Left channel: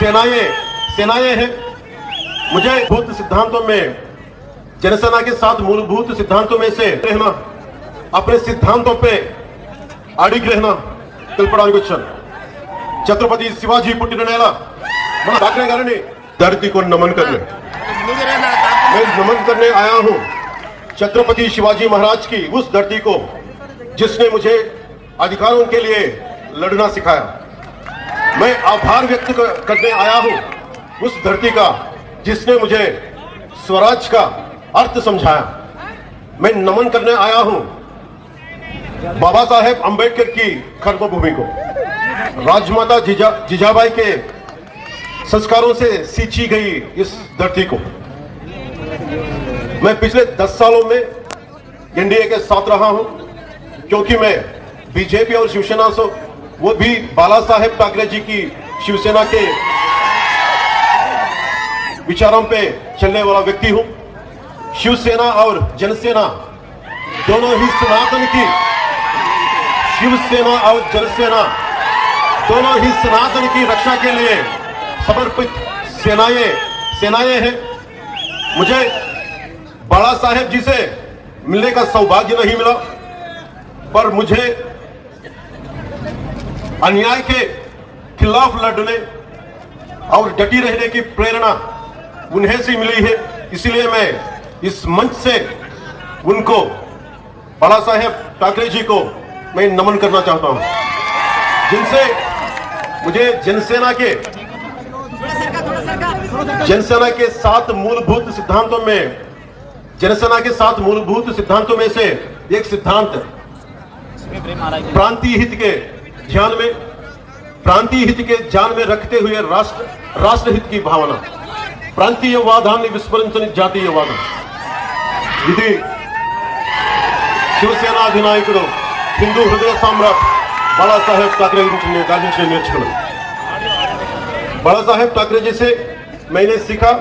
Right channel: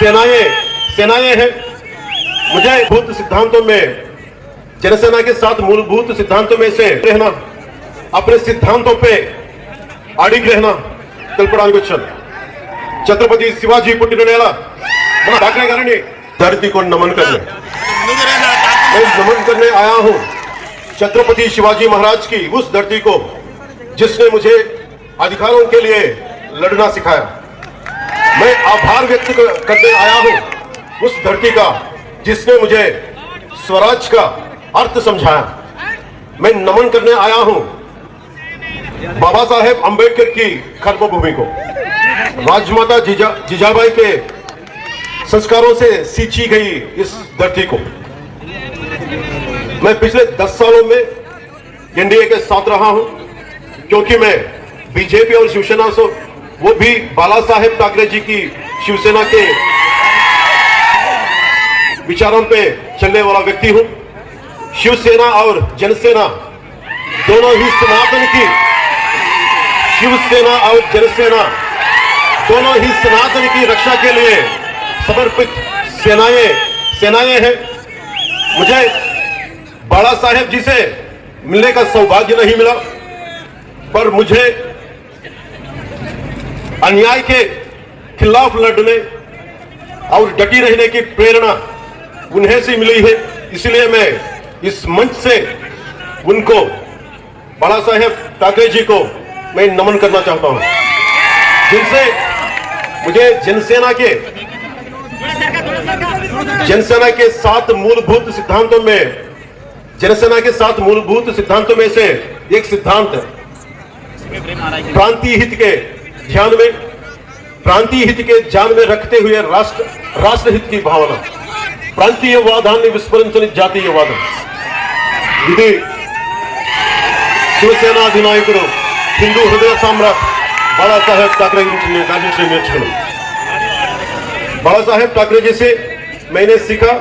सेनाएँ सेनाएँ हैं। मुझे बहुत सिद्धांतों में, जनसेना के साथ मूलभूत सिद्धांतों में से रहना, अपने सिद्धांतों पे अड़िग रहना, कल्पना छत्रपति शिवाजी पुट्टिनेला मैं धरती को नमन करने। मैं नमन करने आया हूँ, छत्रपति शिवाजी महाराज की उस धरती को, जिसने मुझे अधिकारों के लिए लड़ना सिखाया। मैं आभार व्यक्त कर- करने आया हूँ उस धरती का, जिसने मुझे स्वराज का अर्थ समझाया। मैं नमन करने आया हूँ बाबा साहेब अंबेडकर की कर्मभूमि को। राजमाता जीजा, जीजाबाई के संस्कारों से सींची गई इस धरती को। मैं पिछले दस सालों में एनडीए के साथ रहा हूँ, क्योंकि मैं बीजेपी और शिवसेना से वो भी बाला साहेब ठाकरे जी की शिवसेना के विचारों पे चलने वाला व्यक्ति हूँ। शिवसेना और जनसेना दोनों ही सनातन की शिवसेना और जनसेना दोनों ही सनातन की रक्षा के लिए समर्पित सेनाएँ सेनाएँ हैं। मुझे बाला साहेब जी से मिलने का सौभाग्य नहीं मिला, पर मुझे अन्याय के खिलाफ लड़ने और डटी रहने की प्रेरणा उन्हें से मिली है। इसलिए मैं इस मंच से उनको, बाला साहेब ठाकरे जी को मैं नमन करना चाहता हूँ। जिनसे मुझे जनसेना के जनसेना के सात मूलभूत सिद्धांतों में, जनसेना के सात मूलभूत सिद्धांतों में से एक सिद्धांत प्रांतीय हित के ध्यान में प्रांतीय हित के ध्यान में रखते हुए राष्ट्र राष्ट्र हित की भावना ప్రాంతీయవాదాన్ని విస్మరించని జాతీయవాదం ఇది శివసేన అధినాయకుడు హిందూ హృదయ సామ్రాట్ బాళాసాహెబ్ ఠాకరే గురించి నేను దాని నుంచి నేను నేర్చుకున్నాను बाला साहेब ठाकरे जी से मैंने सीखा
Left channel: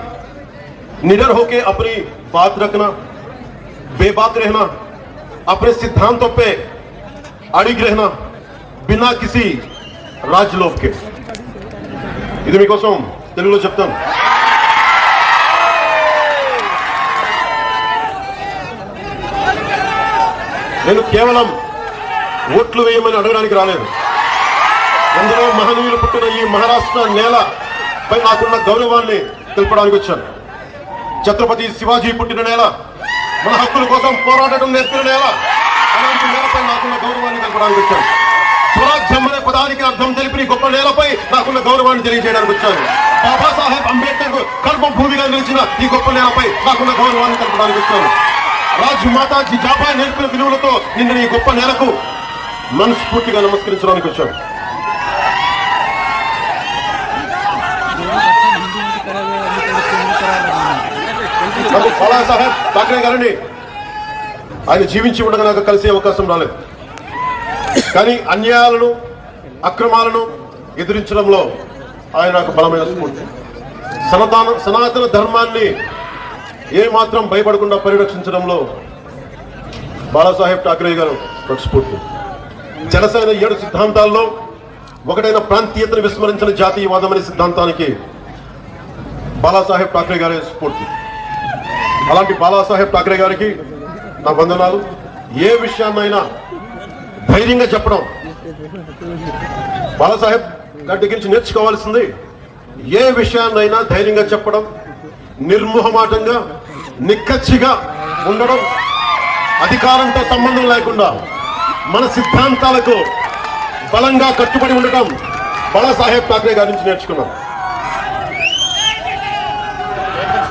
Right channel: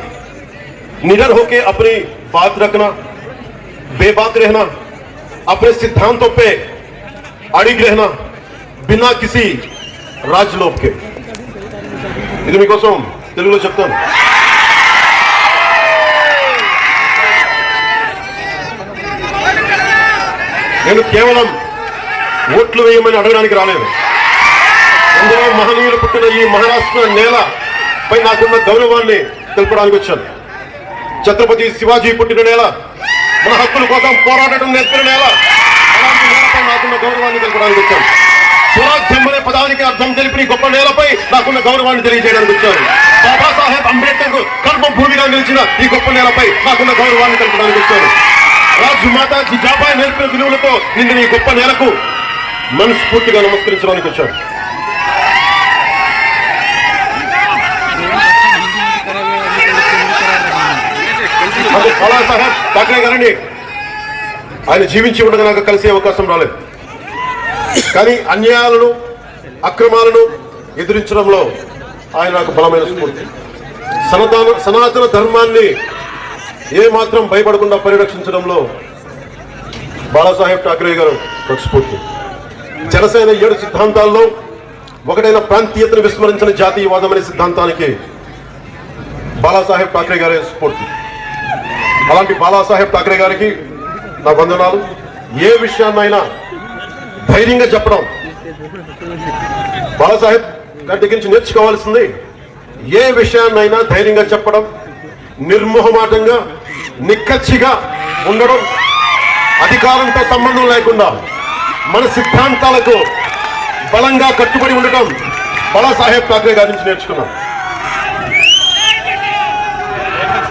निडर होके अपनी बात रखना बेबाक रहना अपने सिद्धांतों पे अड़िग रहना బినా కిసి రాజ్ లోఫ్కే ఇది మీకోసం తెలుగులో చెప్తాను నేను కేవలం ఓట్లు వేయమని అడగడానికి రాలేదు ఎందులో మహనీయులు పుట్టిన ఈ మహారాష్ట్ర నేల పై నాకున్న గౌరవాన్ని తెలుపడానికి వచ్చాను ఛత్రపతి శివాజీ పుట్టిన నేల మన హక్కుల కోసం పోరాడటం నేర్పిన నేల నాకున్న గౌరవాన్ని తెలుపడానికి వచ్చాను స్వరాజ్యం అర్థం తెలిపి గొప్ప నేలపై నాకున్న గౌరవాన్ని తెలియజేయడానికి వచ్చాను బాబాసాహెబ్ అంబేద్కర్ కర్మభూమిగా నిలిచిన ఈ గొప్ప నేలపై నాకున్న గౌరవాన్ని తెలపడానికి వచ్చాను రాజు రాజమాత జిజాబాయ్ నేర్పిన విలువలతో నిన్న ఈ గొప్ప నేలకు మనస్ఫూర్తిగా నమస్కరించడానికి వచ్చాను మాకు బాలాసాహెబ్ ఠాకరే గారిని ఆయన జీవించి ఉండగా నాకు కలిసే అవకాశం రాలేదు. కానీ అన్యాయాలను అక్రమాలను ఎదిరించడంలో ఆయన ఒక బలమైన స్ఫూర్తి. సనాతన సనాతన ధర్మాన్ని ఏ మాత్రం భయపడకుండా పరిరక్షించడంలో బాలాసాహెబ్ ఠాకరే గారు ఒక స్ఫూర్తి. జనసేన ఏడు సిద్ధాంతాల్లో ఒకటైన ప్రాంతీయతను విస్మరించిన జాతీయవాదం అనే సిద్ధాంతానికి బాలాసాహెబ్ ఠాకరే గారే స్ఫూర్తి. అలాంటి బాలాసాహెబ్ ఠాకరే గారికి నా వందనాలు. ఏ విషయాన్నైనా ధైర్యంగా చెప్పడం బాలాసాహెబ్ గారి దగ్గర నుంచి నేర్చుకోవాల్సింది ఏ విషయాన్నైనా ధైర్యంగా చెప్పడం నిర్మోహమాటంగా నిక్కచ్చిగా ఉండడం అధికారంతో సంబంధం లేకుండా మన సిద్ధాంతాలకు బలంగా కట్టుబడి ఉండటం బాలాసాహెబ్ ఠాక్రే గారి నుంచి నేర్చుకున్నాం.